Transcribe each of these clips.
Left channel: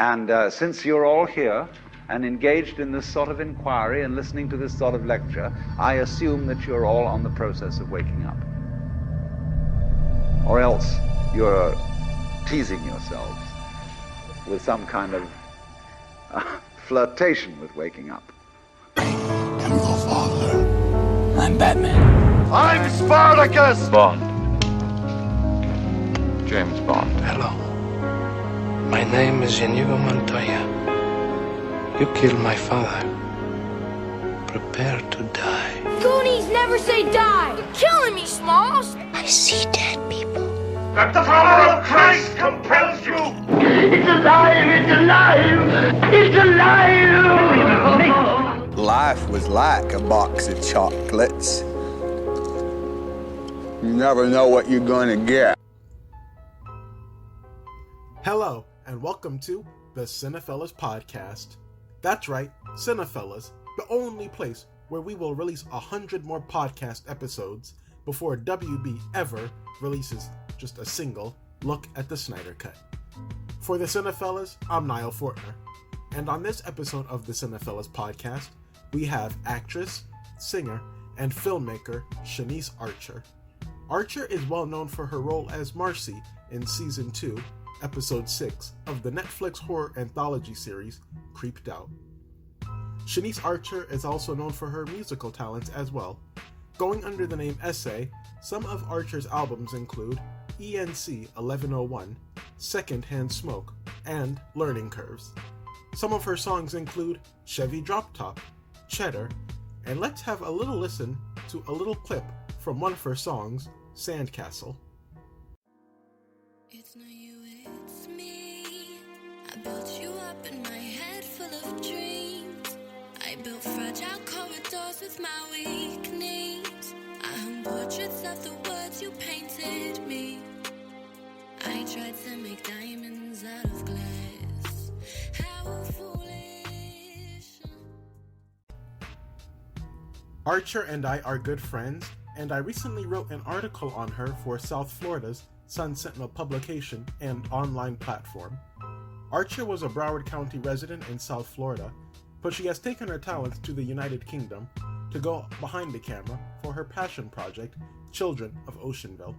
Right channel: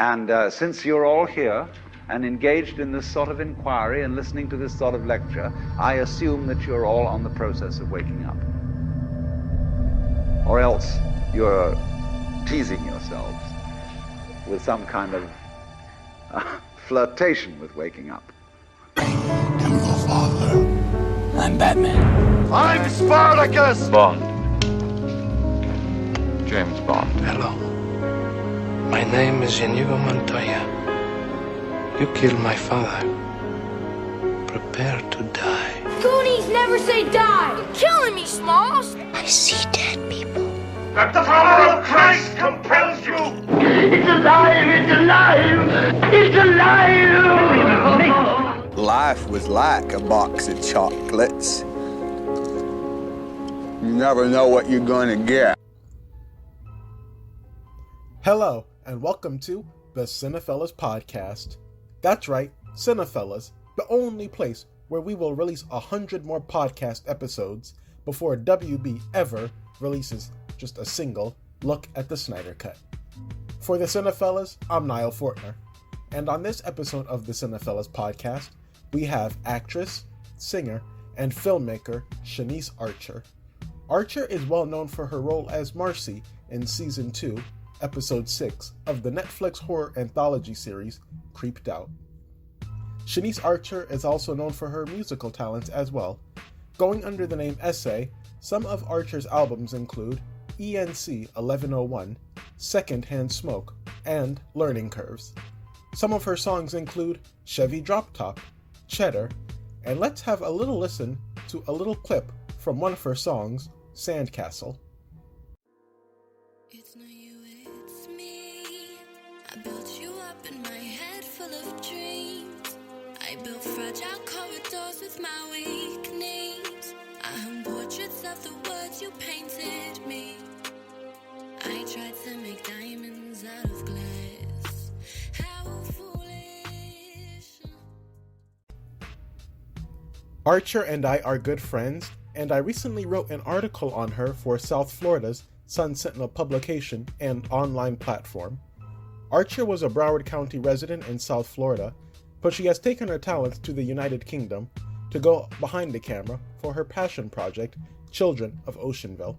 And since you're all here and engaged in this sort of inquiry and listening to this sort of lecture, I assume that you're all on the process of waking up. Or else you're teasing yourselves with some kind of flirtation with waking up. I am your father. I'm Batman. I'm Spartacus! Bond. James Bond. Hello. My name is Inigo Montoya. You killed my father. Prepare to die. Goonies never say die! You're killing me, Smalls! I see dead people. That the power of Christ compels you! It's alive! It's alive! It's alive! Life was like a box of chocolates. You never know what you're gonna get. Hello, and welcome to the Cinephellas Podcast. That's right, Cinephellas, the only place where we will release 100 more podcast episodes before WB ever releases just a single look at the Snyder Cut. For the Cinephellas, I'm Nile Fortner, and on this episode of the Cinephellas Podcast, we have actress, singer, and filmmaker Shanice Archer. Archer is well known for her role as Marcy in Season 2, Episode 6 of the Netflix horror anthology series Creeped Out. Shanice Archer is also known for her musical talents as well. Going under the name Essay, some of Archer's albums include ENC 1101, Secondhand Smoke, and Learning Curves. Some of her songs include Chevy Drop Top, Cheddar, and let's have a little listen to a little clip from one of her songs, Sandcastle. It's not you, it's me. I built you up in my head full of dreams. I built fragile corridors with my weak knees. I hung portraits of the words you painted me. I tried to make diamonds out of glass. How foolish. Archer and I are good friends, and I recently wrote an article on her for South Florida's Sun Sentinel publication and online platform. Archer was a Broward County resident in South Florida, but she has taken her talents to the United Kingdom to go behind the camera for her passion project, Children of Oceanville.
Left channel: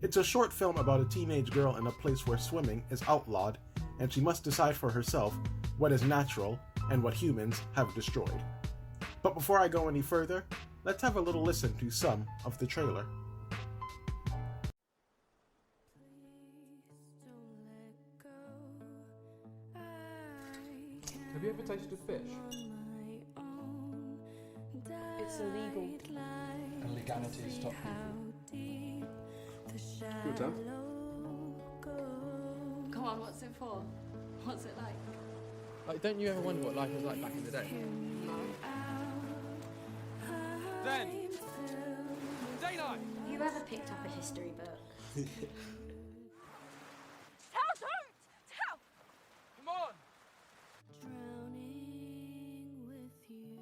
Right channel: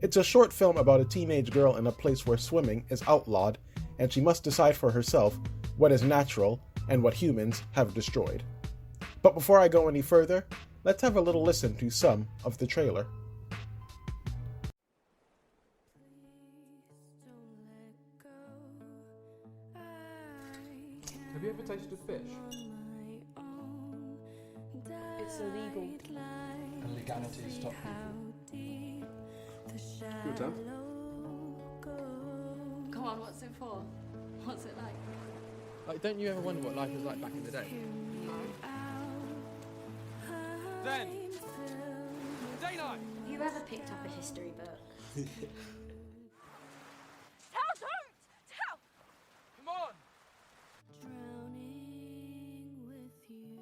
It's a short film about a teenage girl in a place where swimming is outlawed, and she must decide for herself what is natural and what humans have destroyed. But before I go any further, let's have a little listen to some of the trailer. Have you ever tasted fish? It's illegal. And legality is top people. Good time. Come on, what's it for? What's it like? Like, don't you ever wonder what life was like back in the day? No. Then, day night. Have you ever picked up a history book? Come on. Drowning with you.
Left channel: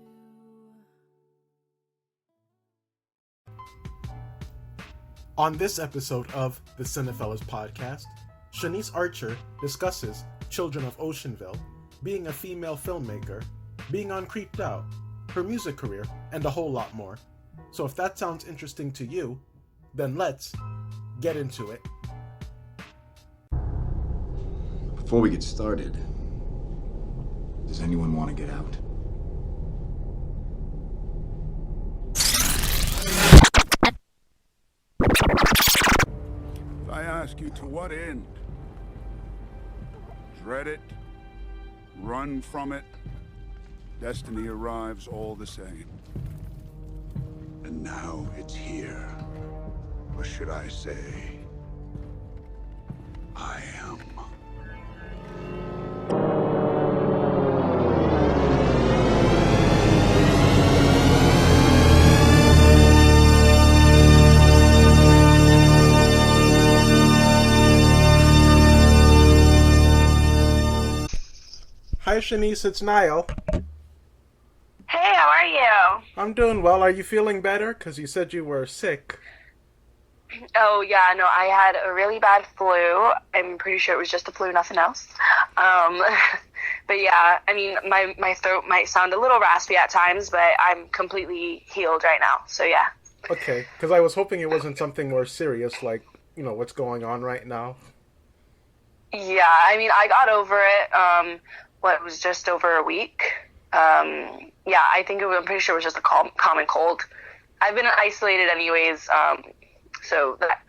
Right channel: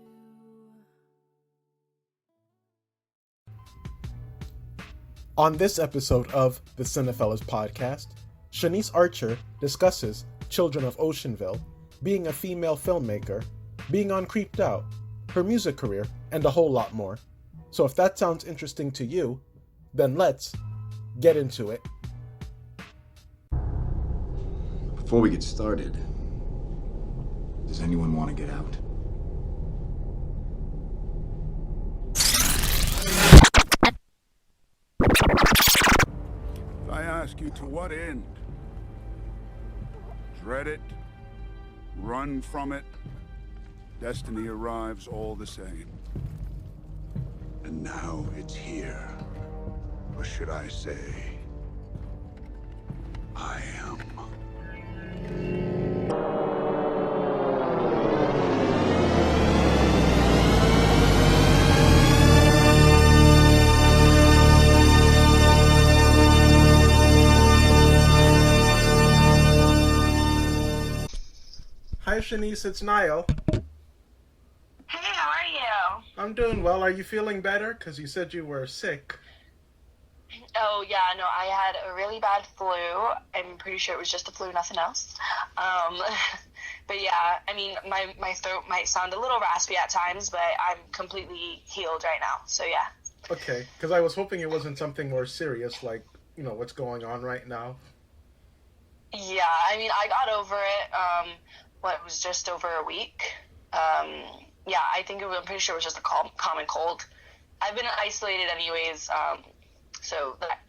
On this episode of the Cinephellas Podcast, Shanice Archer discusses Children of Oceanville, being a female filmmaker, being on Creeped Out, her music career, and a whole lot more. So if that sounds interesting to you, then let's get into it. Before we get started, does anyone want to get out? If I ask you to what end? Dread it? Run from it? Destiny arrives all the same. And now it's here. Or should I say, I am. Hi Shanice, it's Nile. Hey, how are you? I'm doing well. Are you feeling better? Because you said you were sick. Oh, yeah, no, I had a really bad flu. I'm pretty sure it was just the flu, nothing else. But yeah, I mean, my throat might sound a little raspy at times, but I'm completely healed right now, so yeah. Okay, because I was hoping it wasn't something more serious, like, you know, what's going on right now. Yeah, I mean, I got over it, it was just over a week. Yeah, I'm pretty sure it was just a common cold. I've been isolated anyways, so that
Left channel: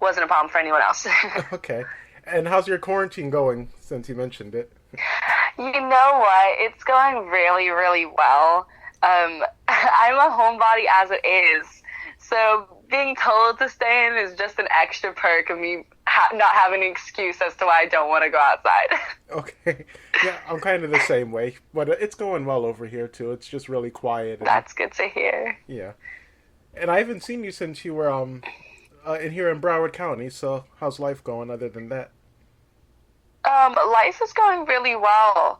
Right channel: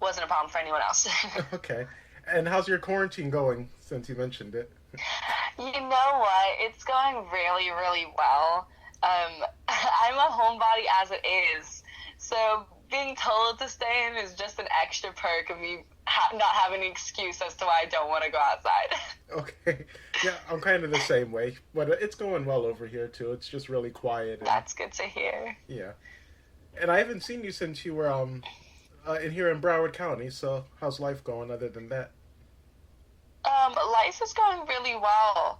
wasn't a problem for anyone else. Okay. And how's your quarantine going, since you mentioned it? You know what? It's going really, really well. I'm a homebody as it is, so being told to stay in is just an extra perk of me not having an excuse as to why I don't want to go outside. Okay. Yeah, I'm kind of the same way, but it's going well over here, too. It's just really quiet. That's good to hear. Yeah. And I haven't seen you since you were in here in Broward County, so how's life going other than that? Life is going really well.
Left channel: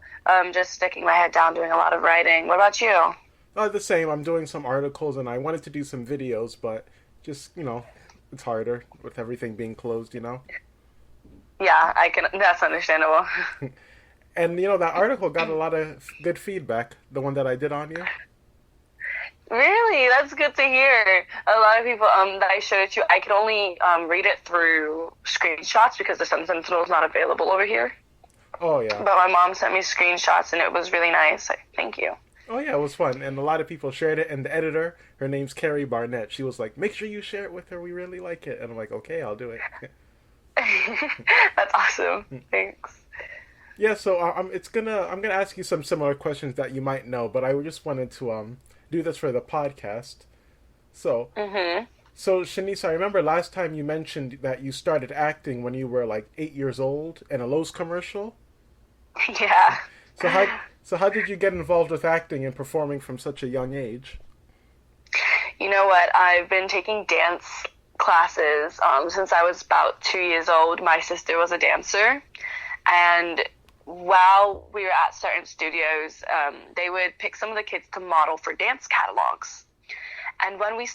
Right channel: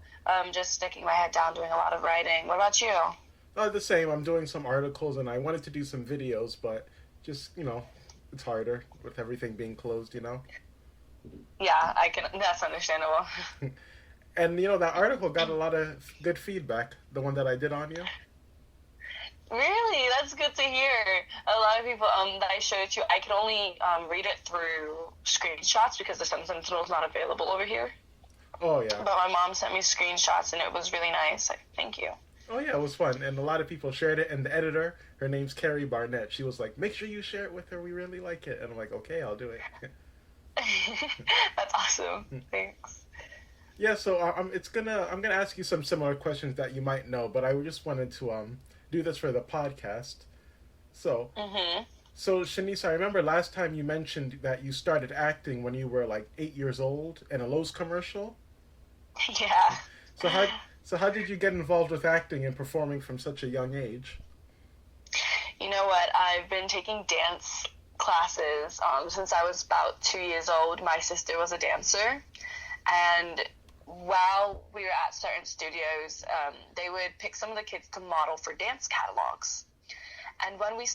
Just sticking my head down, doing a lot of writing. What about you? The same. I'm doing some articles, and I wanted to do some videos, but just, you know, it's harder with everything being closed, you know? Yeah, that's understandable. And, you know, that article got a lot of good feedback, the one that I did on you. Really? That's good to hear. A lot of people that I showed it to, I could only read it through screenshots because the Sentinel is not available over here. Oh, yeah. But my mom sent me screenshots, and it was really nice. Thank you. Oh, yeah, it was fun. And a lot of people shared it. And the editor, her name's Carrie Barnett. She was like, make sure you share it with her. We really like it. And I'm like, okay, I'll do it. That's awesome. Thanks. Yeah, so I'm gonna ask you some similar questions that you might know, but I just wanted to do this for the podcast. So, So Shanice, I remember last time you mentioned that you started acting when you were like 8 years old in a Lowe's commercial. Yeah. So how did you get involved with acting and performing from such a young age? You know what? I've been taking dance classes since I was about 2 years old. My sister was a dancer, and while we were at certain studios, they would pick some of the kids to model for dance catalogs. And when me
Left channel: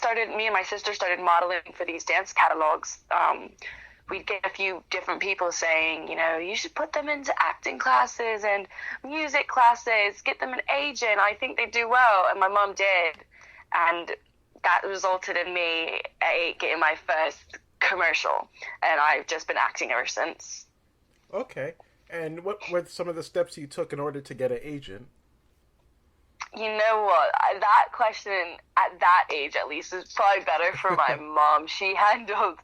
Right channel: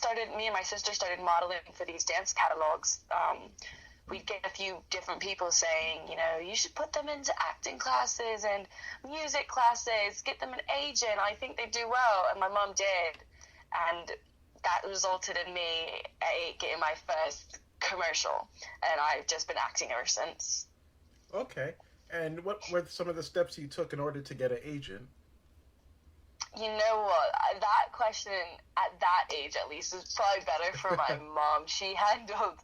and my sister started modeling for these dance catalogs, we'd get a few different people saying, you know, you should put them into acting classes and music classes, get them an agent. I think they do well. And my mom did. And that resulted in me getting my first commercial. And I've just been acting ever since. Okay. And what were some of the steps you took in order to get an agent? You know what? That question, at that age at least, is probably better for my mom. She handled,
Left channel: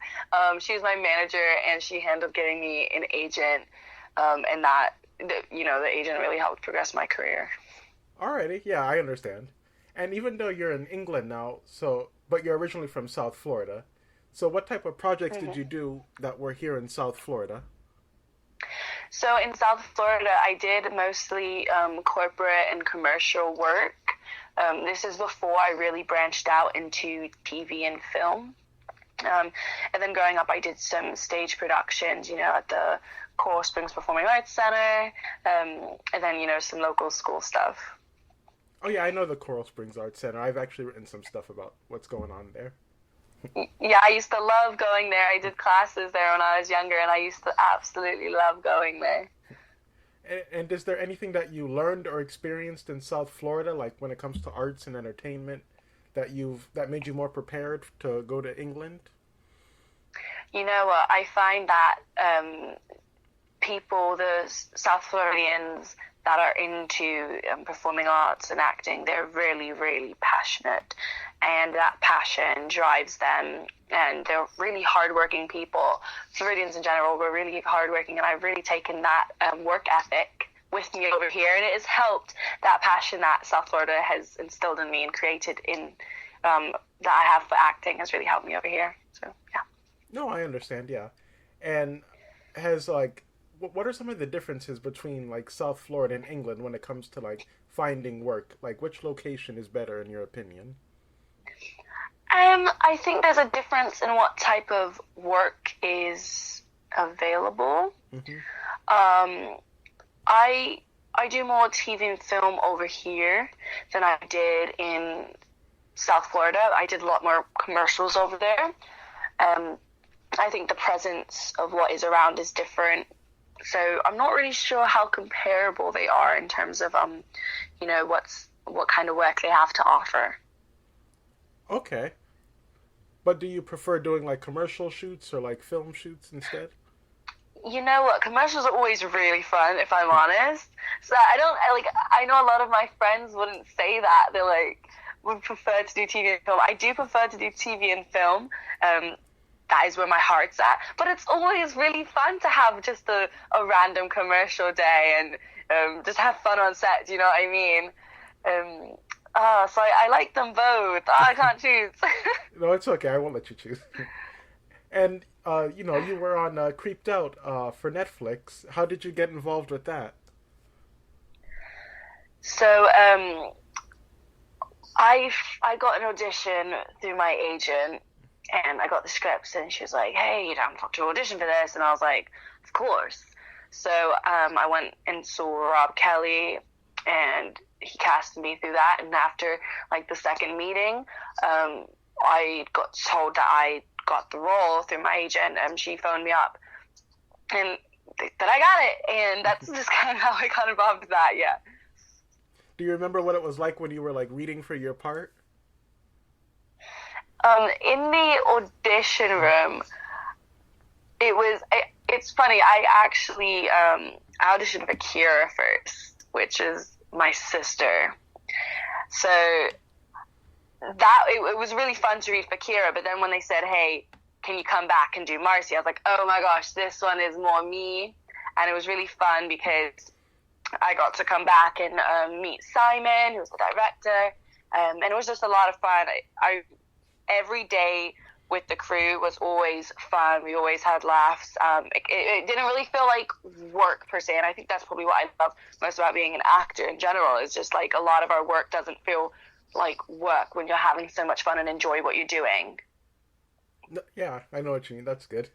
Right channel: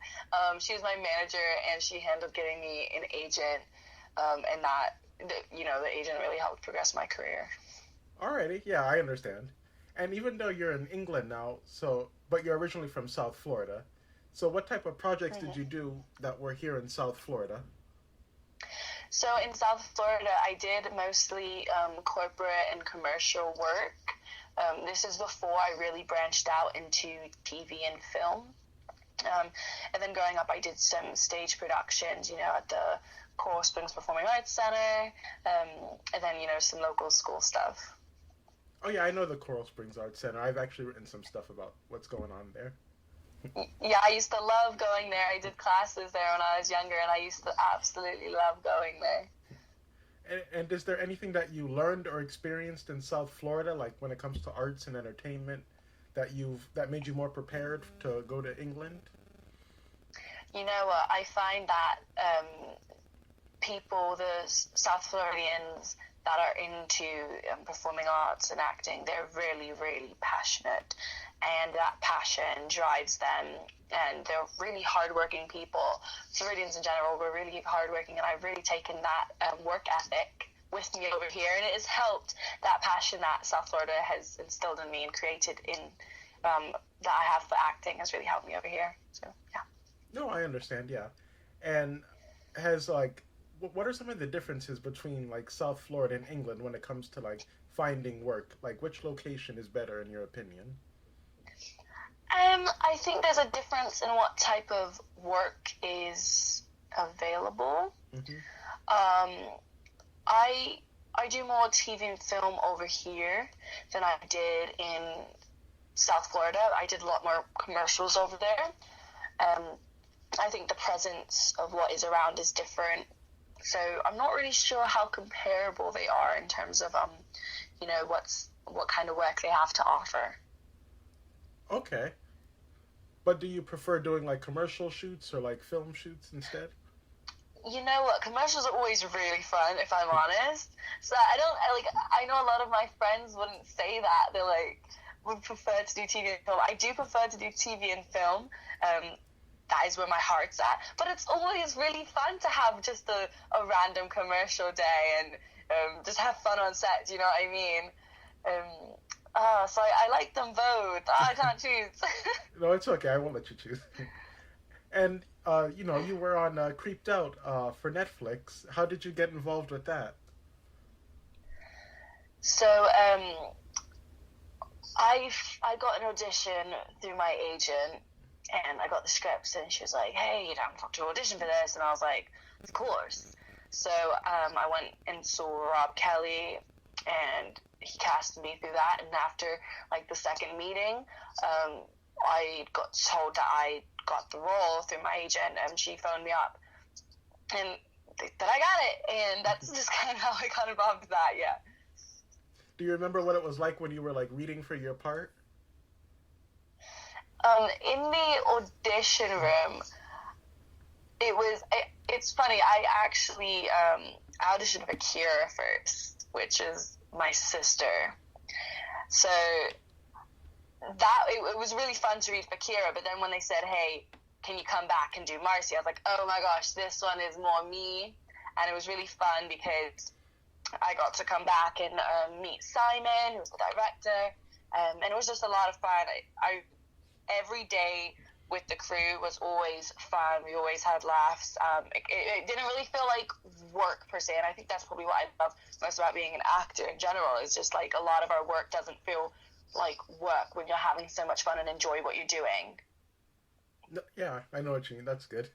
she was my manager, and she handled getting me an agent, and that, you know, the agent really helped progress my career. Alrighty, yeah, I understand. And even though you're in England now, but you're originally from South Florida, so what type of projects did you do that were here in South Florida? So in South Florida, I did mostly corporate and commercial work. This is before I really branched out into TV and film. And then growing up, I did some stage productions, you know, at the Coral Springs Performing Arts Center, and then, you know, some local school stuff. Oh, yeah, I know the Coral Springs Arts Center. I've actually written some stuff about what's going on there. Yeah, I used to love going there. I did classes there when I was younger, and I used to absolutely love going there. And is there anything that you learned or experienced in South Florida, like when it comes to arts and entertainment, that made you more prepared to go to England? You know what? I find that people, the South Floridians that are into performing arts and acting, they're really, really passionate. And that passion drives them, and they're really hardworking people. Floridians in general, we're really hardworking, and I've really taken that work ethic with me over here, and it has helped. That passion that South Florida has instilled in me and created in that I have for acting has really helped me over here. So yeah. No, I understand. Yeah, and what are some of the differences between like South Florida and England when it comes to like finding work? Like, which location is better in your opinion? I think there's a difference in what type of work is available. I do more TV and film over here than I did in South Florida. I did a lot more commercials over there. I think the presence of what is around is different. So I'm not really sure how comparable they are in terms of, what kind of work they have to offer. Okay. But do you prefer doing like commercial shoots or like film shoots instead? You know what? Commercials are always really fun, if I'm honest. So I know a lot of my friends wouldn't say that. They would prefer to do TV and film. I do prefer to do TV and film. That is where my heart's at. But it's always really fun to have just a random commercial day and just have fun on set, you know what I mean? So I like them both. I can't choose. No, it's okay. I won't let you choose. And, you were on Creeped Out for Netflix. How did you get involved with that? So, I got an audition through my agent, and I got the scripts, and she was like, hey, you don't have to audition for this. And I was like, of course. So I went and saw Rob Kelly, and he casted me through that. And after, the second meeting, I got told that I got the role through my agent, and she phoned me up. And that I got it. And that's just kind of how I got involved with that, yeah. Do you remember what it was like when you were, reading for your part? In the audition room, it's funny, I actually auditioned for Kira first, which is my sister. So it was really fun to read for Kira, but then when they said, hey, can you come back and do Marcy, I was like, oh my gosh, this one is more me. And it was really fun because I got to come back and meet Simon, who was the director, and it was just a lot of fun. Every day with the crew was always fun. We always had laughs. It didn't really feel like work per se, and I think that's probably what I love most about being an actor in general. Is just a lot of our work doesn't feel like work when you're having so much fun and enjoy what you're doing. Yeah, I know what you mean. That's good.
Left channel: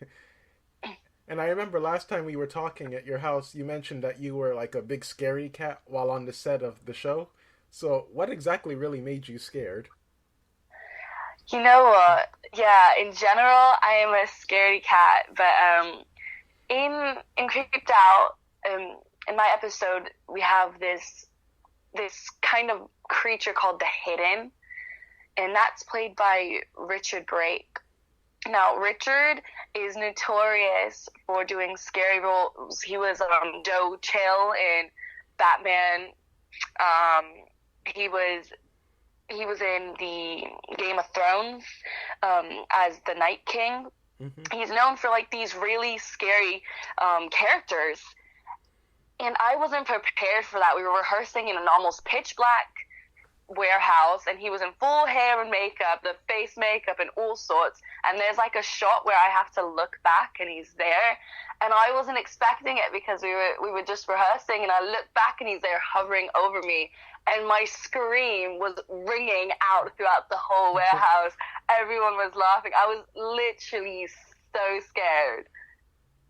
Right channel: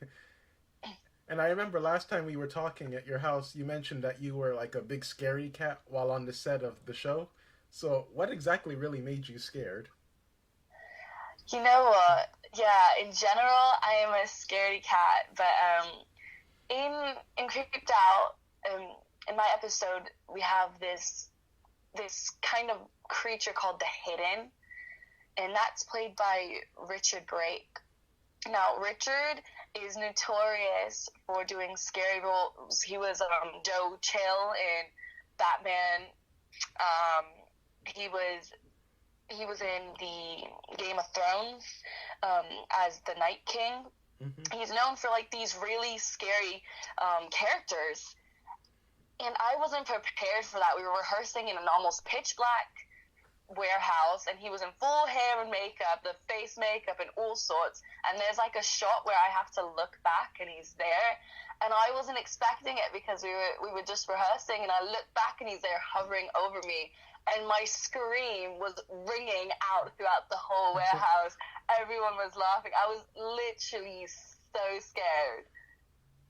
And I remember last time we were talking at your house, you mentioned that you were a big scary cat while on the set of the show. So what exactly really made you scared? You know what? Yeah, in general, I am a scaredy cat. But in Creeped Out, in my episode, we have this kind of creature called the Hidden, and that's played by Richard Brake. Now, Richard is notorious for doing scary roles. He was Joe Chill in Batman. He was in the Game of Thrones as the Night King. Mm-hmm. He's known for these really scary characters. And I wasn't prepared for that. We were rehearsing in an almost pitch black warehouse, and he was in full hair and makeup, the face makeup and all sorts, and there's a shot where I have to look back and he's there, and I wasn't expecting it because we were just rehearsing, and I looked back and he's there hovering over me, and my scream was ringing out throughout the whole warehouse. Everyone was laughing. I was literally so scared.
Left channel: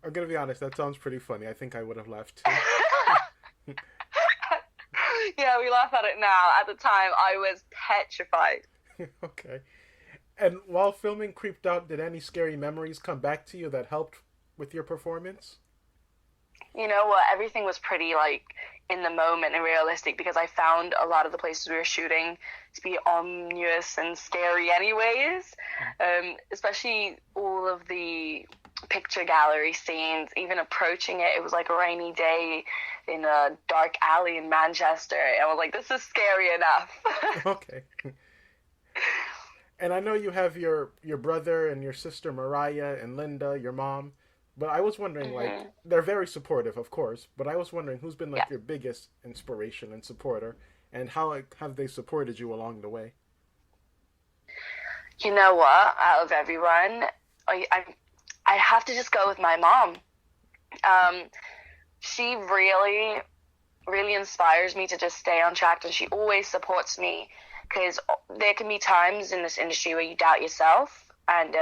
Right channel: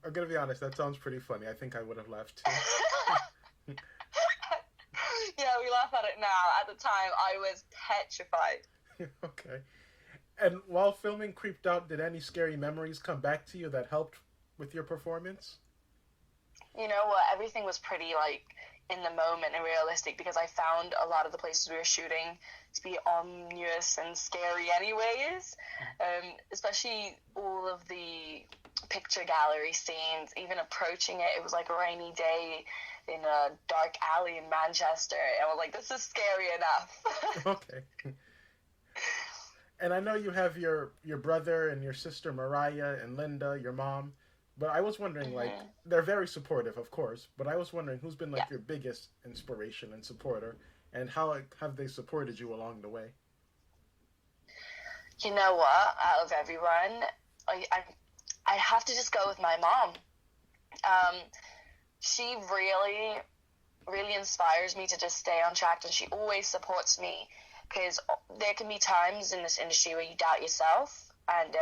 I'm gonna be honest, that sounds pretty funny. I think I would have laughed too. Yeah, we laugh at it now. At the time, I was petrified. Okay. And while filming Creeped Out, did any scary memories come back to you that helped with your performance? You know what? Everything was pretty, in the moment and realistic, because I found a lot of the places we were shooting to be ominous and scary anyways. Especially all of the picture gallery scenes, even approaching it was a rainy day in a dark alley in Manchester. I was like, this is scary enough. Okay. And I know you have your brother and your sister Mariah and Linda, your mom, but I was wondering, mm-hmm. They're very supportive, of course, but I was wondering who's been your biggest inspiration and supporter, and how have they supported you along the way? You know what? Out of everyone, I have to just go with my mom. She really, really inspires me to just stay on track, and she always supports me, because there can be times in this industry where you doubt yourself, and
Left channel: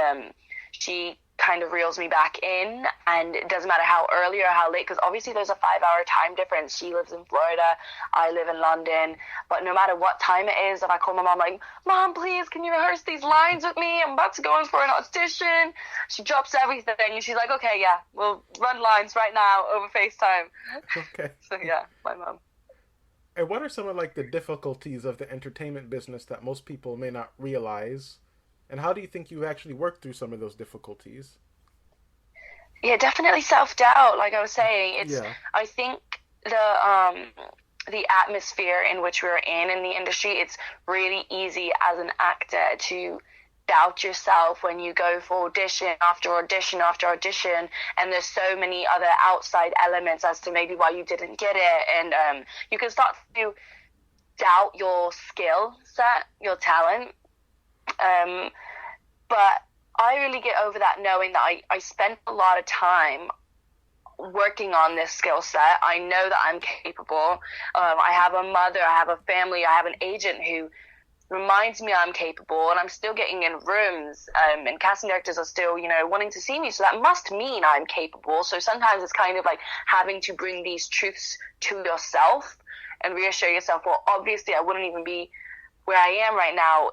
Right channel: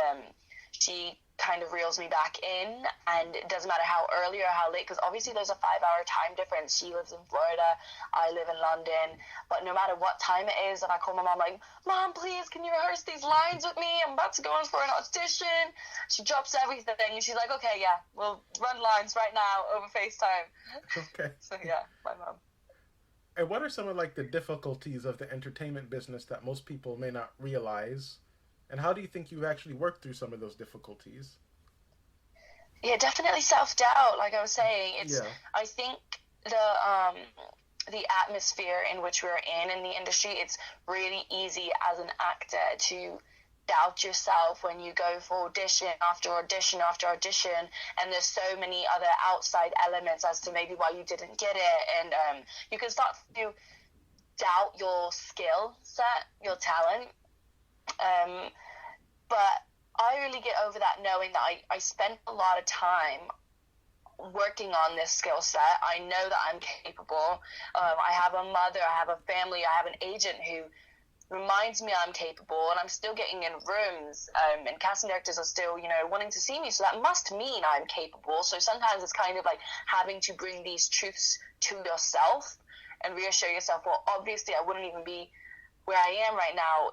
she kind of reels me back in, and it doesn't matter how early or how late, because obviously there's a 5-hour time difference. She lives in Florida, I live in London, but no matter what time it is, if I call my mom like, Mom, please, can you rehearse these lines with me? I'm about to go in for an audition. She drops everything and she's like, okay, yeah, we'll run lines right now over FaceTime. Okay. So yeah, my mom. And what are some of like the difficulties of the entertainment business that most people may not realize? And how do you think you actually worked through some of those difficulties? Yeah, definitely self-doubt. Like I was saying, I think the atmosphere in which we're in the industry, it's really easy as an actor to doubt yourself when you go for audition after audition after audition, and there's so many other outside elements as to maybe why you didn't get it, and you can start to doubt your skill set, your talent. But I really get over that knowing that I spent a lot of time working on this skill set. I know that I'm capable. I have a mother, I have a family, I have an agent who reminds me I'm capable, and I'm still getting in rooms, and casting directors are still, wanting to see me. So that must mean I'm capable. So sometimes it's kind of like having to bring these truths to yourself and reassure yourself, well, obviously I wouldn't even be where I am right now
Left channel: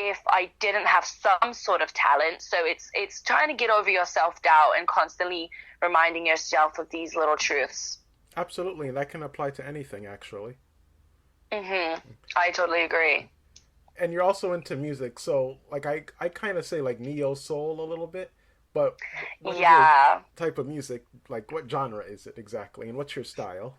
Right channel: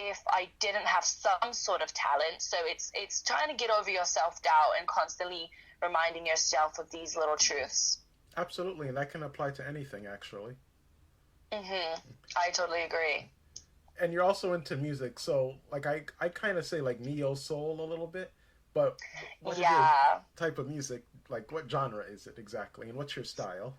if I didn't have some sort of talent. So it's trying to get over your self-doubt and constantly reminding yourself of these little truths. Absolutely, and that can apply to anything, actually. I totally agree. And you're also into music, so like I kind of say like neo soul a little bit, but what is your type of music? Like what genre is it exactly, and what's your style?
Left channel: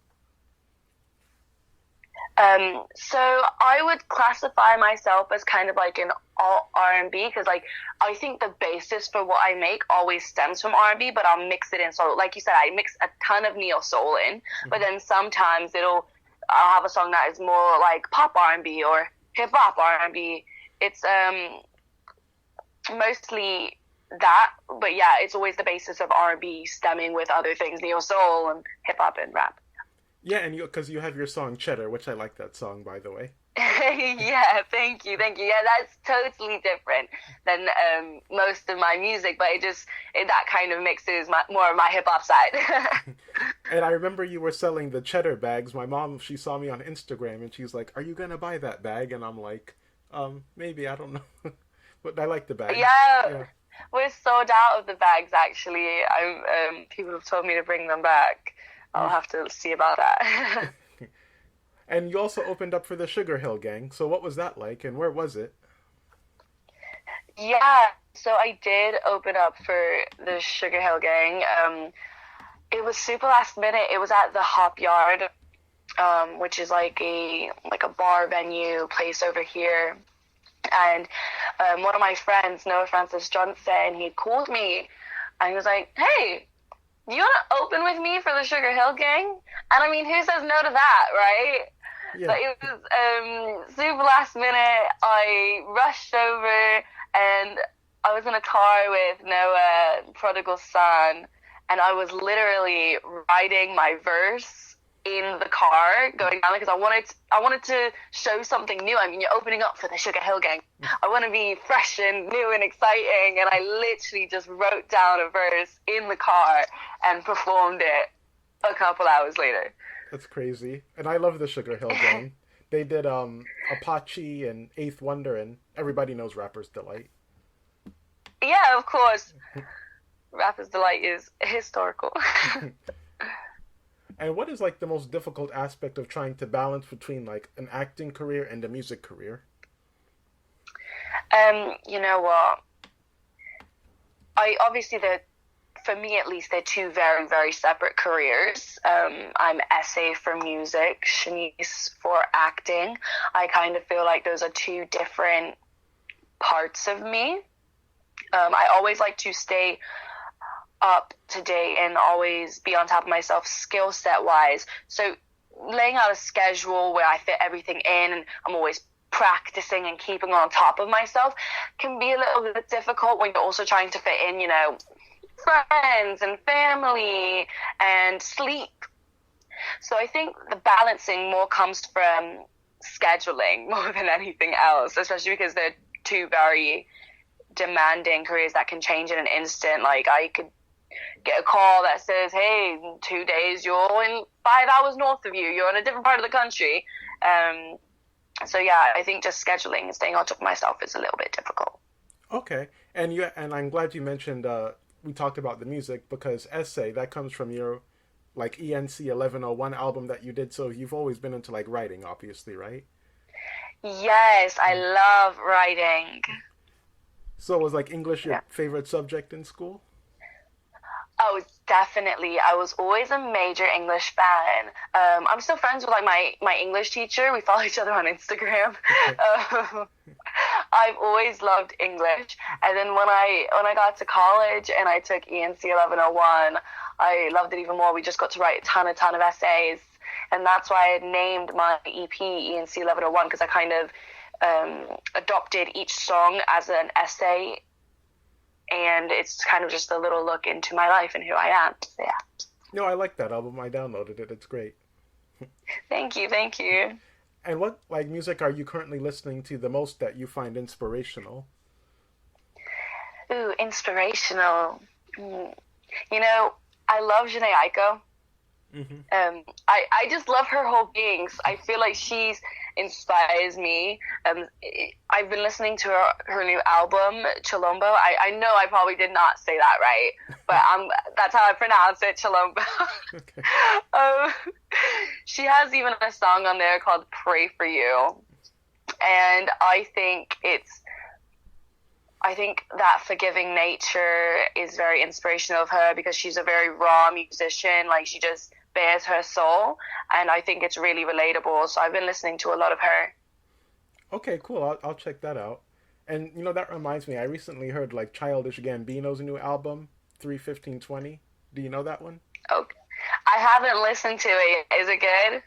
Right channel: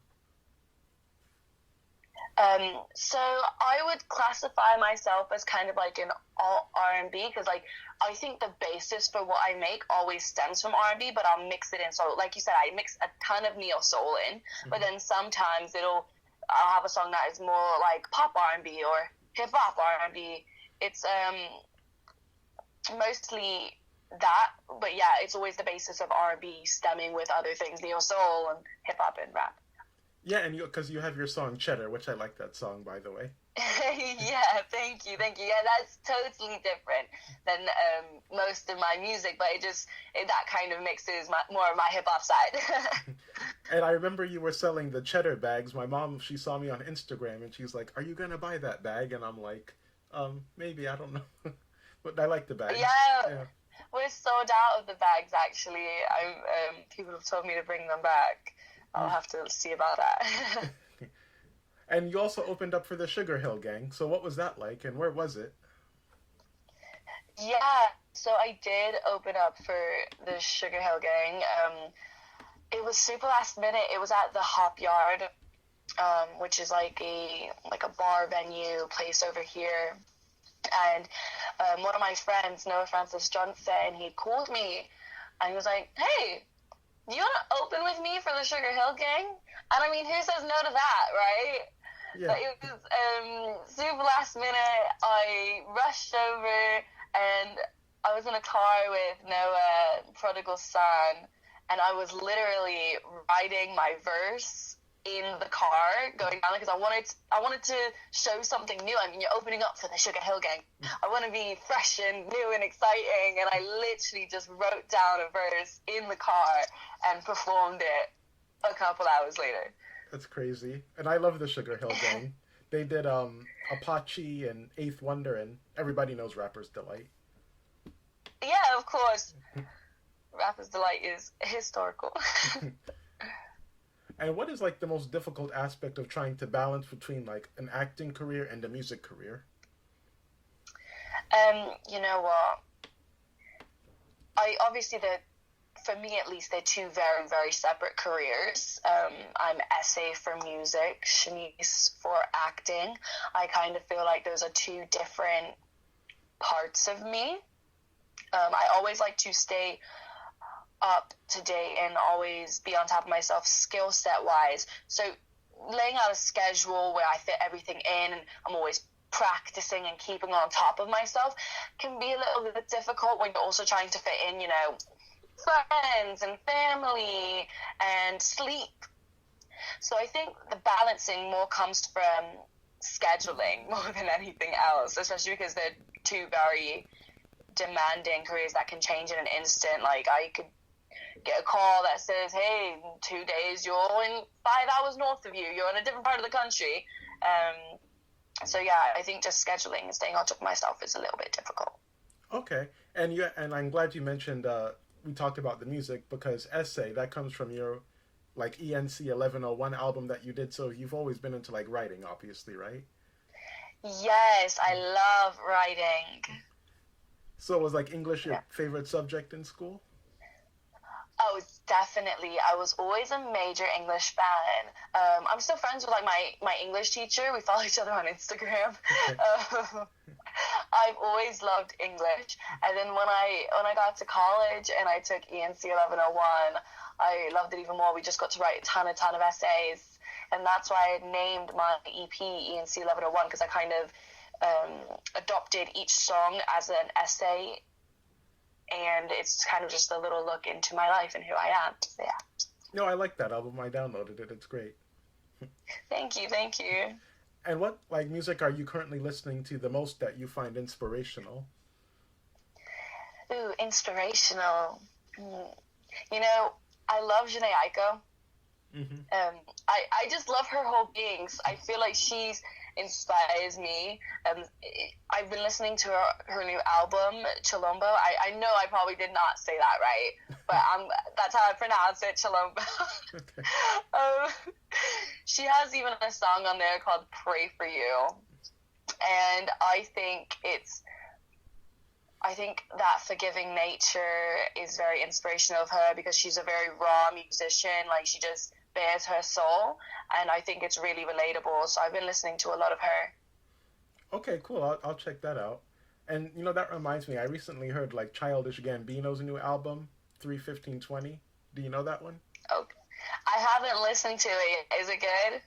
So I would classify myself as kind of like an all R&B, because like I think the basis for what I make always stems from R&B, but I'll mix it in. So like you said, I mix a ton of neo soul in, but then sometimes I'll have a song that is more like pop R&B or hip hop R&B. It's mostly that, but yeah, it's always the basis of R&B stemming with other things, neo soul and hip hop and rap. Yeah, and because you have your song Cheddar, which I like that song, by the way. Yeah, thank you. Yeah, that's totally different than most of my music, but that kind of mixes more of my hip hop side. And I remember you were selling the Cheddar bags. My mom, she saw me on Instagram, and she's like, "Are you gonna buy that bag?" And I'm like, maybe, I don't know, but I like the bag. Yeah. We're sold out of the bags. Actually, people have told me to bring them back. I'll have to see about that. And you also opened up for the Sugarhill Gang. So what was that like, and where was it? Yeah, so I did open up for the Sugarhill Gang. It was super last minute. It was at the Hop Yard, which is like a bar venue place over here. And one of my friends, Noah Francis Johnson, he called me, and he was like, "Hey, you want to open with me for the Sugarhill Gang?" And I mean, who says no to that, right? Yeah. But it was super last minute. I rushed over, and I was in a car with Noah, Prodigal Son, and I was literally writing my verse in the car going down, because I wanted to show something new. I mean, you're opening up for the Sugarhill Gang. I want to be fresh and new and exciting, and I literally just wrote down a verse in the car and performed it a couple hours later. That's crazy. And I love the Sugarhill Gang. They did Apache and Eighth Wonder, and everybody knows Rapper's Delight. Yeah, of course. Rapper's Delight is historical. And what is like the most difficult aspect of trying to balance between like an acting career and a music career? You know what? For me at least, they're two very, very separate careers. I'm Essay for music, Shanice for acting. I kind of feel like those are two different parts of me. I always like to stay up to date and always be on top of myself skill set wise. So laying out a schedule where I fit everything in and I'm always practicing and keeping on top of myself can be a little bit difficult when you're also trying to fit in, friends and family and sleep. So I think the balancing more comes from scheduling more than anything else, especially because they're two very demanding careers that can change in an instant. Like, I could get a call that says, hey, 2 days, you're in 5 hours north of you, you're in a different part of the country. So yeah, I think just scheduling and staying on top of myself is a little bit difficult. Okay. And I'm glad you mentioned, we talked about the music, because Essay, that comes from your, like, ENC 1101 album that you did, so you've always been into, like, writing, obviously, right? Yes, I love writing. So was, like, English your favorite subject in school? Oh, definitely. I was always a major English fan. I'm still friends with, like, my English teacher. We follow each other on Instagram. Okay. I've always loved English. And then when I got to college and I took ENC 1101, I loved it even more. We just got to write a ton of essays. And that's why I named my EP ENC 1101, because I kind of adopted each song as an essay. And it's kind of just a little look into my life and who I am. So, yeah. No, I like that album. I downloaded it. It's great. Thank you. And what, like, music are you currently listening to the most that you find inspirational? Ooh, inspirational. You know, I love Jhené Aiko. Mm-hmm. I just love her whole beings. I feel like she's inspires me. I've been listening to her new album, Chilombo. I know I probably did not say that right, but that's how I pronounce it, Chilombo. Okay. She has even a song on there called Pray For You, and I think that forgiving nature is very inspirational of her, because she's a very raw musician. Like, she just bears her soul, and I think it's really relatable. So I've been listening to a lot of her. Okay, cool. I'll check that out. And, you know, that reminds me, I recently heard, like, Childish Gambino's new album, 3:15:20. Do you know that one? Oh, I haven't listened to it. Is it good?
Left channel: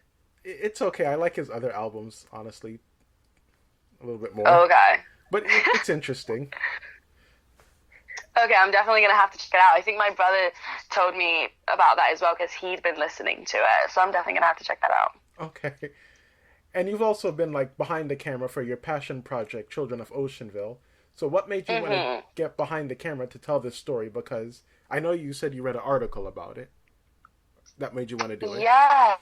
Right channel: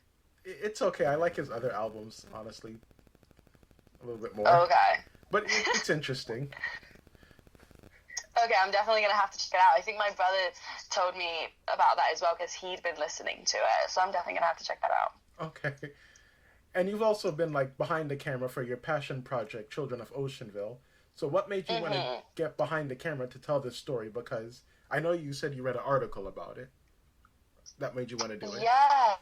It's okay. I like his other albums, honestly, a little bit more. Okay. But it's interesting. Okay, I'm definitely going to have to check it out. I think my brother told me about that as well, because he'd been listening to it. So I'm definitely going to have to check that out. Okay. And you've also been, like, behind the camera for your passion project, Children of Oceanville. So what made you want to get behind the camera to tell this story? Because I know you said you read an article about it. That made you want to do it. Yeah.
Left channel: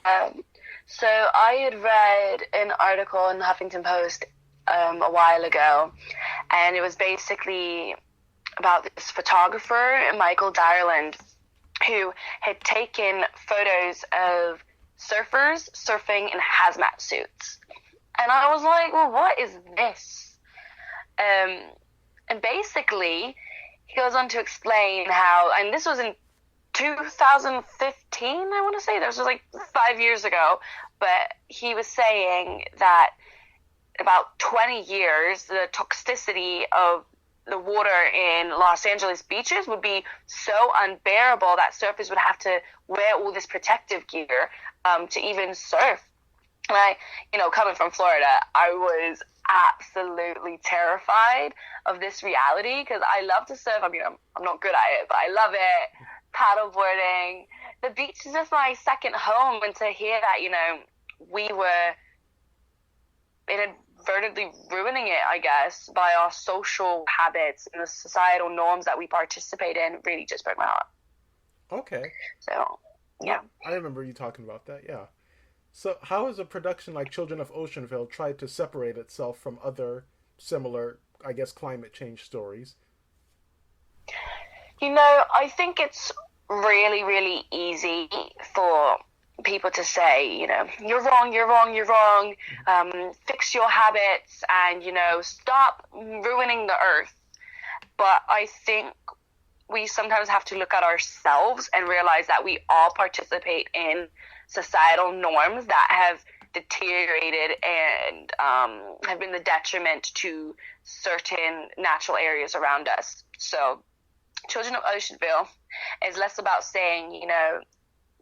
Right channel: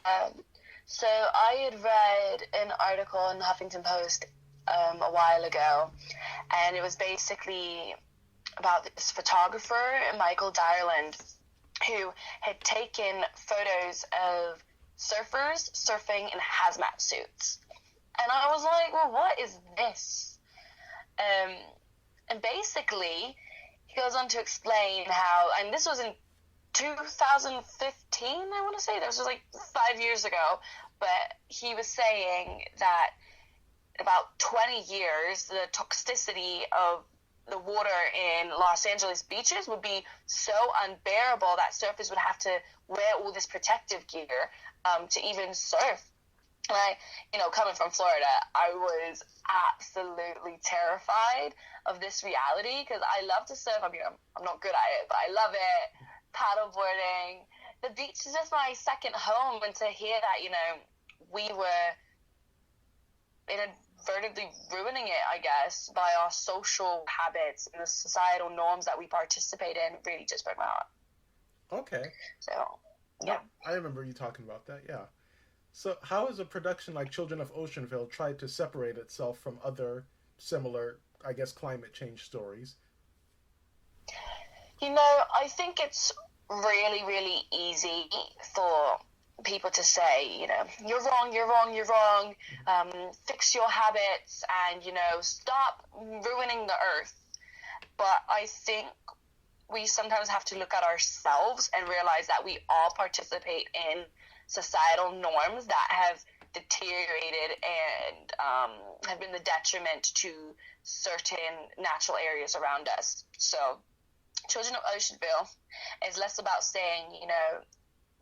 So I had read an article in the Huffington Post a while ago. And it was basically about this photographer, Michael Dierland, who had taken photos of surfers surfing in hazmat suits. And I was like, well, what is this? And basically, he goes on to explain how, and this was in 2015, I want to say, this was like 5 years ago, but he was saying that about 20 years, the toxicity of the water in Los Angeles beaches would be so unbearable that surfers would have to wear all this protective gear to even surf. And I, you know, coming from Florida, I was absolutely terrified of this reality, because I love to surf. I mean, I'm not good at it, but I love it. Paddleboarding. The beach is just my second home, and to hear that, you know, we were inadvertently ruining it, I guess, by our social habits and the societal norms that we participate in, really just broke my heart. Okay. So, yeah. I remember you talking about that, yeah. So how has a production like Children of Oceanville tried to separate itself from other similar, I guess, climate change stories? You know, I think it's really, really easy for people to say, you know, you're wrong, fix your habits and, you know, stop ruining the earth. But I think we sometimes have to look at ourselves and realize that we all participate in societal norms that have deteriorated and have been the detriment to certain natural areas around us. So Children of Oceanville is less about saying, you know,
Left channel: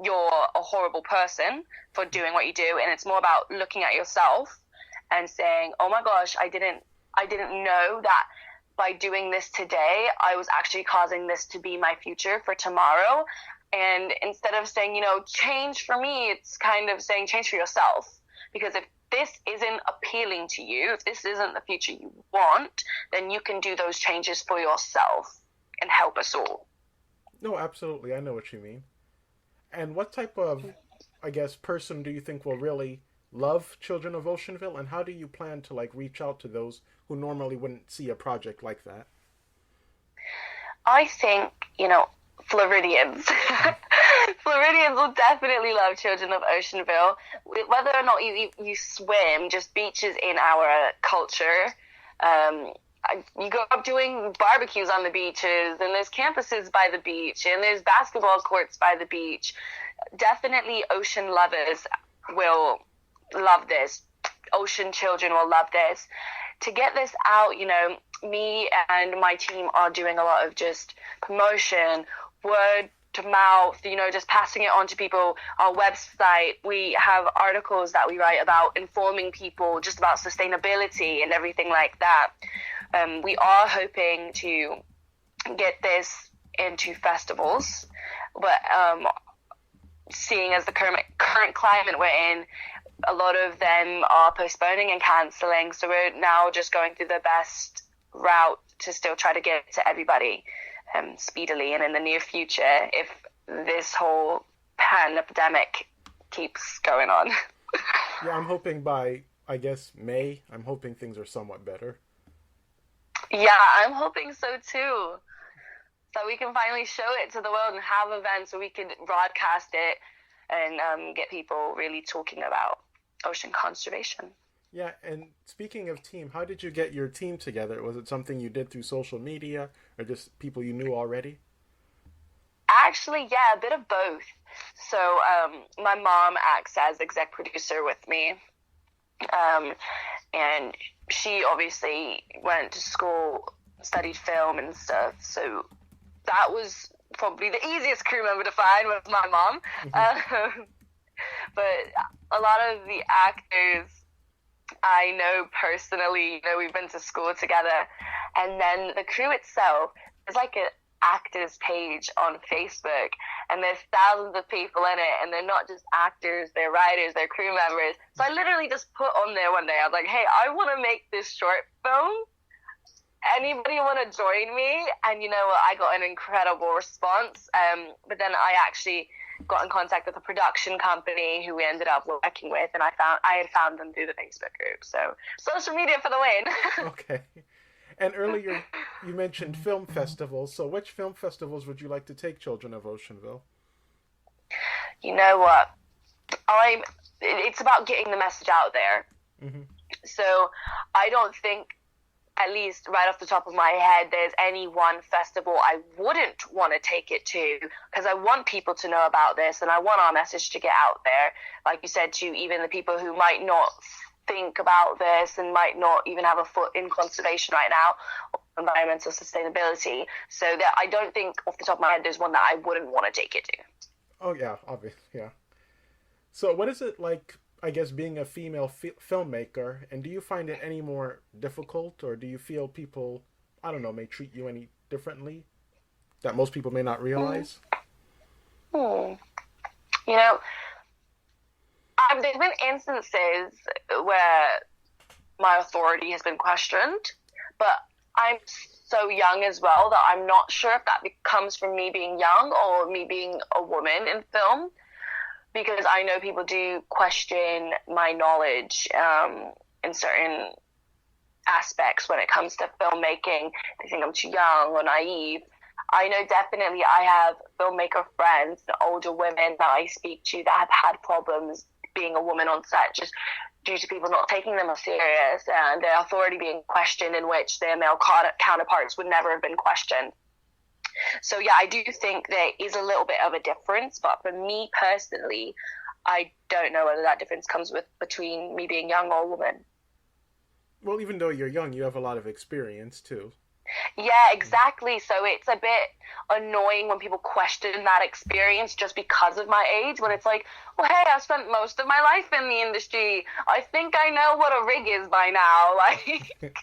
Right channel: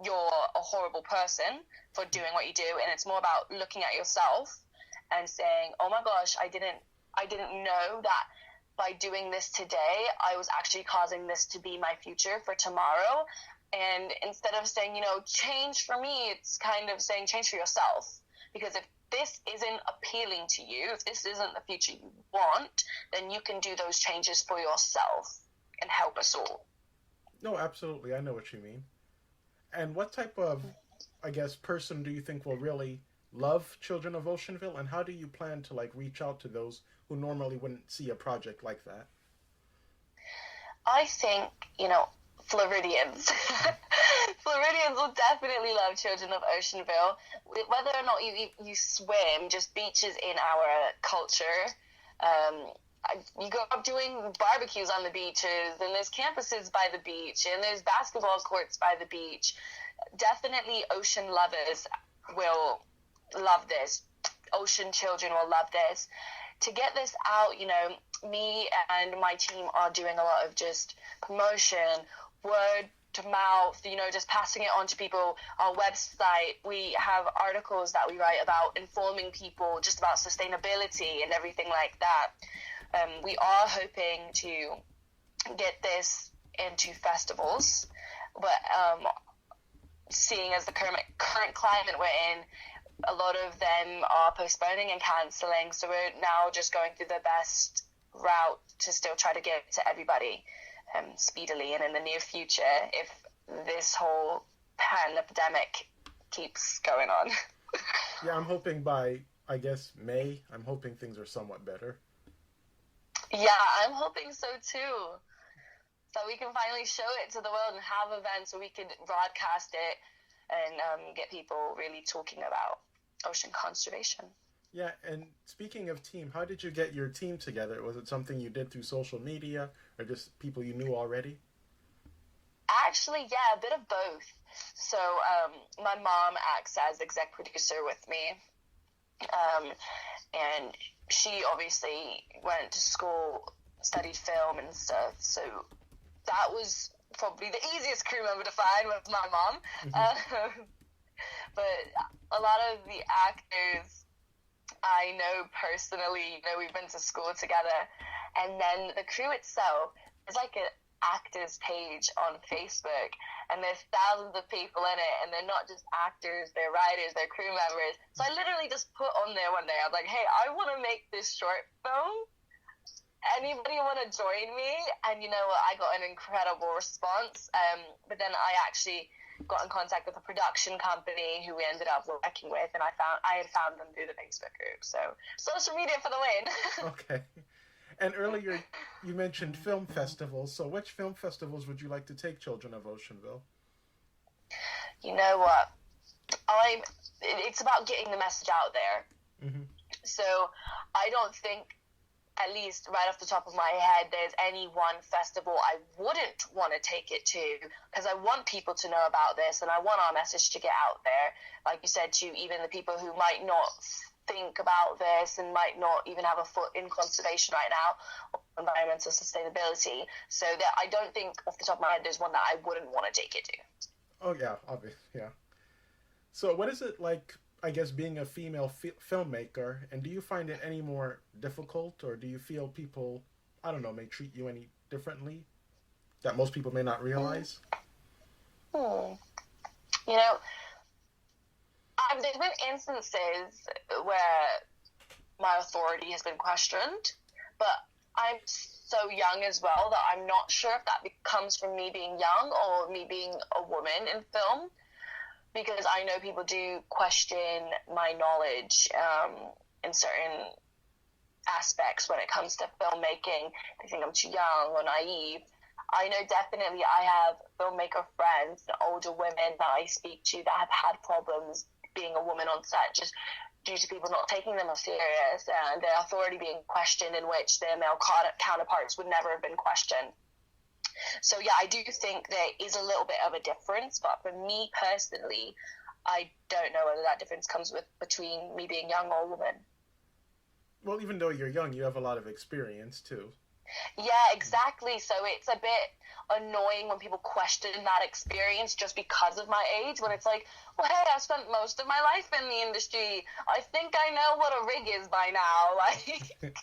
you're a horrible person for doing what you do, and it's more about looking at yourself and saying, oh my gosh, I didn't know that by doing this today, I was actually causing this to be my future for tomorrow. And instead of saying, you know, change for me, it's kind of saying change for yourself. Because if this isn't appealing to you, if this isn't the future you want, then you can do those changes for yourself and help us all. No, absolutely. I know what you mean. And what type of, I guess, person do you think will really love Children of Oceanville? And how do you plan to, like, reach out to those who normally wouldn't see a project like that? I think, Floridians. Floridians will definitely love Children of Oceanville. Whether or not you swim, just beaches in our culture. You go up doing barbecues on the beaches, and there's campuses by the beach, and there's basketball courts by the beach. Definitely ocean lovers will love this. Ocean children will love this. To get this out, me and my team are doing a lot of just promotion, word to mouth, just passing it on to people. Our website, we have articles that we write about informing people just about sustainability and everything like that. We are hoping to get this into festivals, but seeing as the current climate we're in, a lot of them are postponing and cancelling, so we're now just going through the best route to still try to get to everybody speedily and in the near future if this whole pandemic keeps going on. Yeah, I'm hoping by, I guess, May, I'm hoping things are somewhat better. Yeah, I'm hoping so too. So we can finally show it to the world and have events where we can broadcast it and get people really talking about ocean conservation. Yeah, and speaking of team, how did you get your team together? Was it something you did through social media or just people you knew already? Actually, yeah, a bit of both. So my mom acts as exec producer with me. And she obviously went to school, studied film and stuff. So that was probably the easiest crew member to find was my mom. Mm-hmm. But a lot of the actors I know personally, we've been to school together. And then the crew itself is like an actors page on Facebook, and there's thousands of people in it, and they're not just actors, they're writers, they're crew members. So I literally just put on there one day, I was like, hey, I want to make this short film. Anybody want to join me? And you know what, I got an incredible response. But then I actually got in contact with a production company who we ended up working with, and I had found them through the Facebook group. So social media for the win. Okay. And earlier you mentioned film festivals. So which film festivals would you like to take Children of Oceanville? You know what? It's about getting the message out there. Mm-hmm. So I don't think, at least right off the top of my head, there's any one festival I wouldn't want to take it to, because I want people to know about this and I want our message to get out there. Like you said, to even the people who might not think about this and might not even have a foot in conservation right now, or environmental sustainability. So that I don't think off the top of my head there's one that I wouldn't want to take it to. Oh yeah, obvious, yeah. So what is it like, I guess, being a female filmmaker, and do you find it any more difficult, or do you feel people, I don't know, may treat you any differently that most people may not realize? You know, there's been instances where my authority has been questioned, but I'm so young as well that I'm not sure if that comes from me being young or me being a woman in film, because I know people do question my knowledge in certain aspects when it comes to filmmaking. They think I'm too young or naive. I know definitely I have filmmaker friends, older women that I speak to that have had problems being a woman on set just due to people not taking them as serious and their authority being questioned, in which their male counterparts would never have been questioned. So yeah, I do think there is a little bit of a difference, but for me personally, I don't know whether that difference comes between me being young or a woman. Well, even though you're young, you have a lot of experience too. Yeah, exactly. So it's a bit annoying when people question that experience just because of my age, when it's like, well, hey, I've spent most of my life in the industry. I think I know what a rig is by now. Like.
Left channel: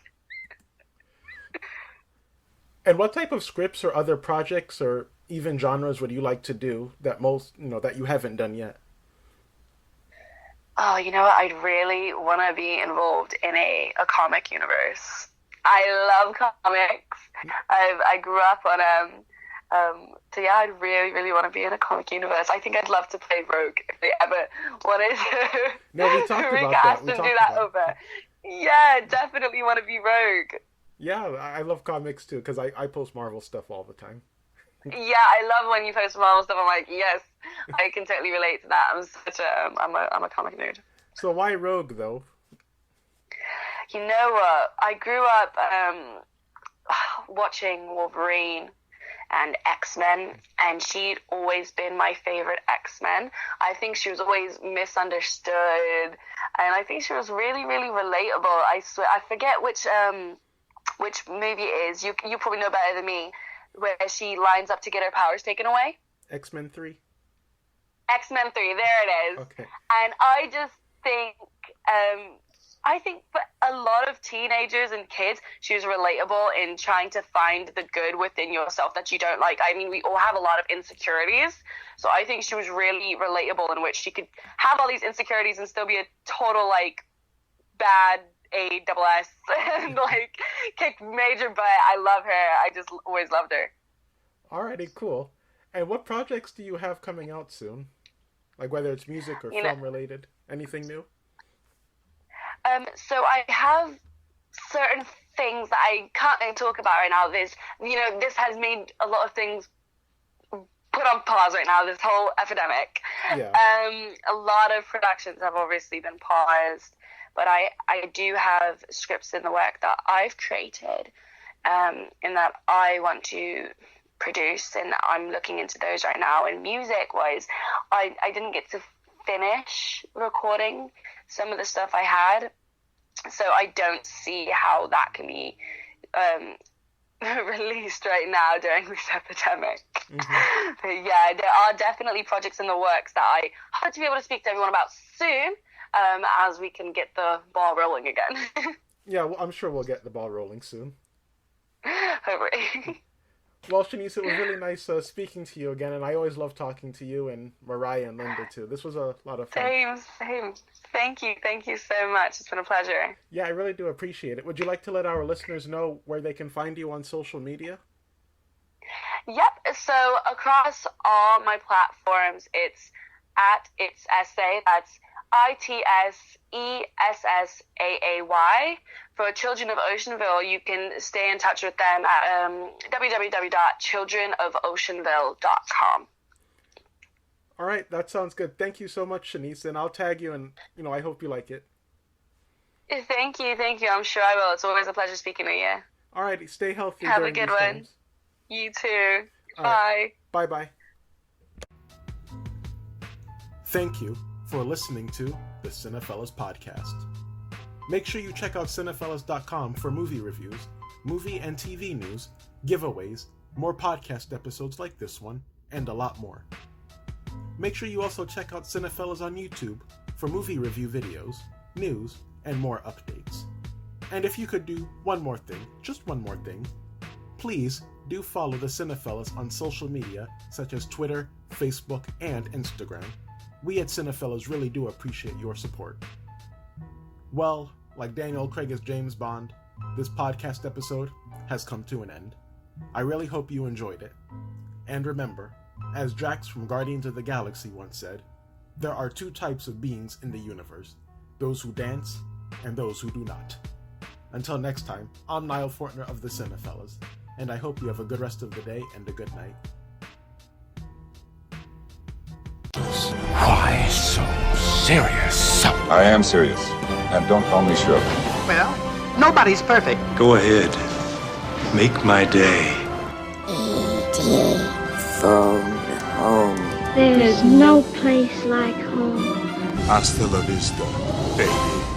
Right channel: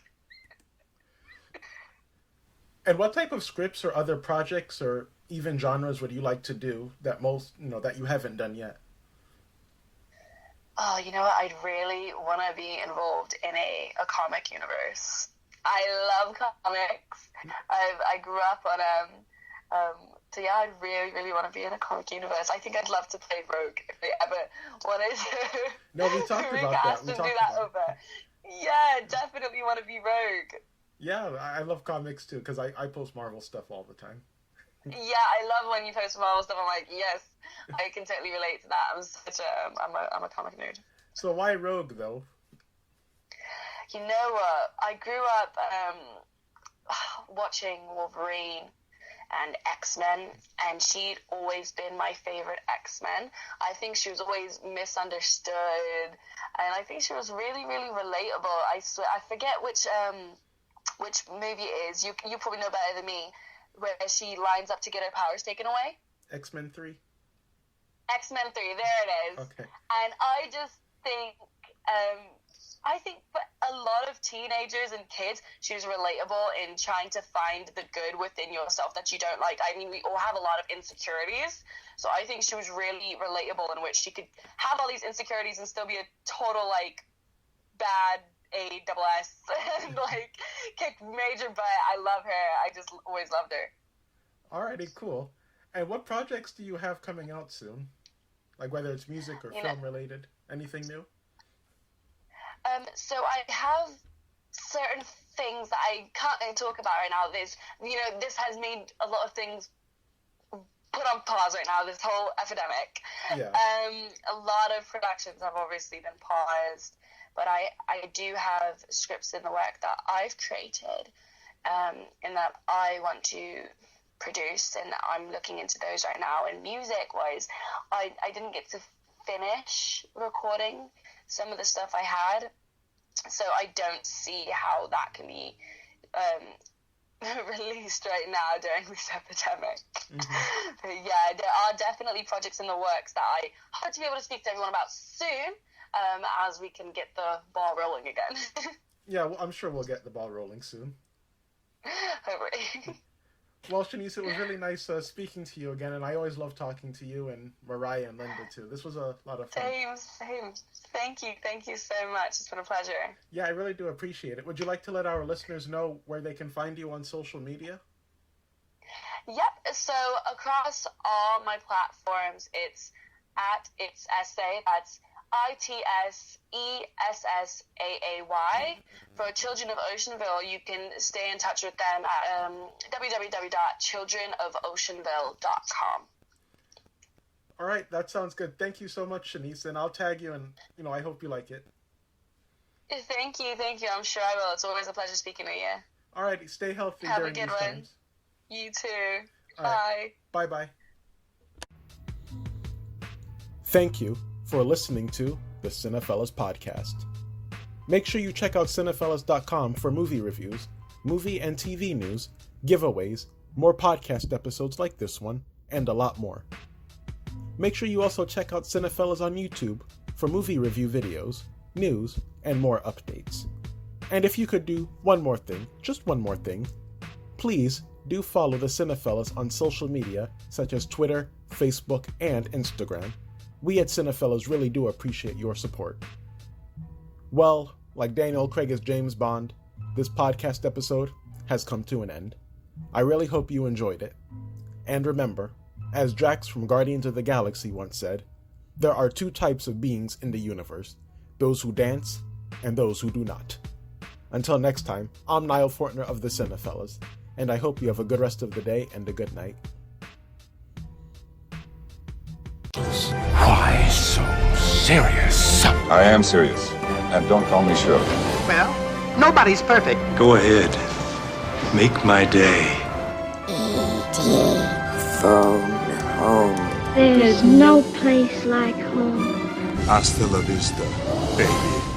And what type of scripts or other projects or even genres would you like to do that most, that you haven't done yet? oh, you know what? I'd really want to be involved in a comic universe. I love comics. I grew up on so yeah, I'd really, really want to be in a comic universe. I think I'd love to play Rogue if they ever wanted to. No, we talked about that. We talked about that. Yeah, definitely want to be Rogue. Yeah, I love comics too because I post Marvel stuff all the time. Yeah, I love when you post Marvel stuff. I'm like, yes, I can totally relate to that. I'm a comic nerd. So why Rogue though? You know what? I grew up watching Wolverine and X-Men, and she'd always been my favorite X-Men. I think she was always misunderstood, and I think she was really, really relatable. I swear, I forget which movie it is. You probably know better than me, where she lines up to get her powers taken away. X-Men 3. X-Men 3, there it is. Okay. And I just think, for a lot of teenagers and kids, she was relatable in trying to find the good within yourself that you don't like. I mean, we all have a lot of insecurities, so I think she was really relatable in which she could have all these insecurities and still be a total, like, bad ASS and, like, kick major butt. I love her. I just always loved her. Alrighty, cool. And what projects do you have coming out soon? Like, whether it's music or film related? Anything new? So I have certain things that I can't talk about right now. This has made a lot of things put on pause right now, this whole epidemic. Yeah. A lot of productions have obviously been paused, but I do have scripts in the work that I've created, and that I want to produce, and I'm looking into those right now. And music-wise, I didn't get to finish recording some of the stuff I had, so I don't see how that can be released right now during this epidemic. Mm-hmm. But yeah, there are definitely projects in the works that I hope to be able to speak to everyone about soon, as we can get the ball rolling again. Yeah, well, I'm sure we'll get the ball rolling soon. Hopefully. Well, Shanice, it was really nice speaking to you again, and I always love talking to you and Mariah and Linda, too. This was a lot of fun. Same. Thank you so much. It's been a pleasure. Yeah, I really do appreciate it. Would you like to let our listeners know where they can find you on social media? Yep, so across all my platforms, it's at It's Essay. That's ITSESSAAY. For Children of Oceanville, you can stay in touch with them at www.childrenofoceanville.com. All right, that sounds good. Thank you so much, Shanice, and I'll tag you, and I hope you like it. Thank you. I'm sure I will. It's always a pleasure speaking with you. All right, stay healthy. Have during a good these one. times. You too. All Bye. Right. Bye. Thank you for listening to the Cinephellas Podcast. Make sure you check out Cinephellas.com for movie reviews, movie and TV news, giveaways, more podcast episodes like this one, and a lot more. Make sure you also check out Cinephellas on YouTube for movie review videos, news, and more updates. And if you could do one more thing, just one more thing, please do follow the Cinephellas on social media such as Twitter, Facebook, and Instagram. We at Cinephellas really do appreciate your support. Well, like Daniel Craig as James Bond, this podcast episode has come to an end. I really hope you enjoyed it. And remember, as Drax from Guardians of the Galaxy once said, there are two types of beings in the universe, those who dance and those who do not. Until next time, I'm Nile Fortner of the Cinephellas, and I hope you have a good rest of the day and a good night. Why so serious? I am serious. And don't call me Shirley. Well, nobody's perfect. Go ahead. Make my day. E.T. Phone home. There's no place like home. Hasta la vista, baby.